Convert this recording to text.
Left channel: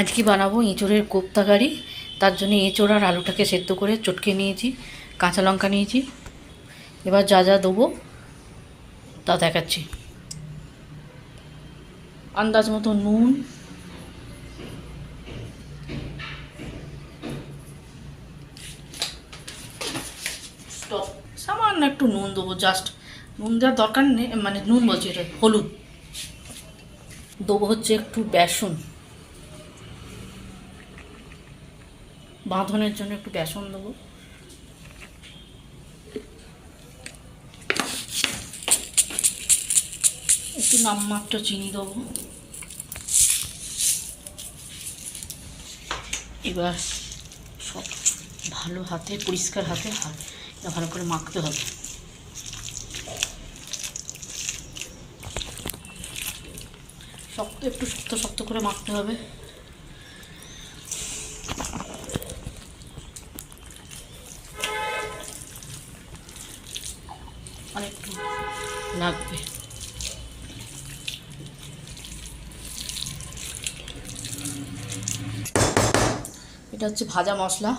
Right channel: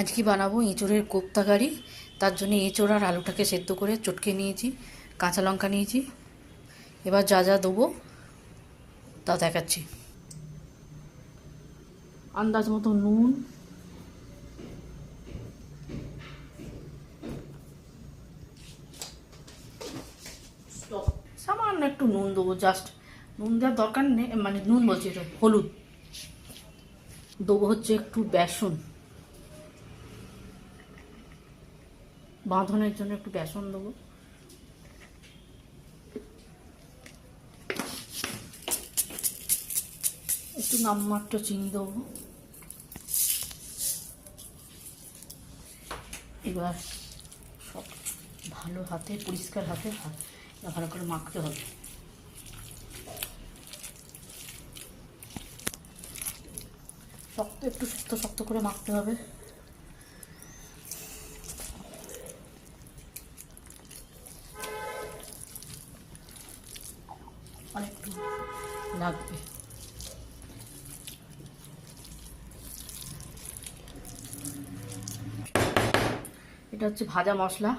আজকে বানাবো এঁচোড়ের কোপ্তা কারি। তার জন্য এঁচোড় আর আলুটাকে সেদ্ধ করে চটকে নিয়েছি, কাঁচা লঙ্কা নিয়েছি। এবার যা যা দেবো তা দেখাচ্ছি। আন্দাজ মতো নুন, সামান্য একটু নুন দেবো, জাস্ট নুন দেওয়ার দরকার নেই, মানে নুন বলছি, এটা হলুদ দেবো। হচ্ছে একটু বেসন, বাঁধনের জন্য একটু বেসন দেবো। একটু নামমাত্র চিনি দেবো। এবার সব ভালো হাতে, পরিষ্কার হাতে ভালো করে মাখতে হবে। একটু শক্ত শক্ত করে মাখতে হবে। আর একটু লাগবে। এটা হচ্ছে ভাজা মশলা।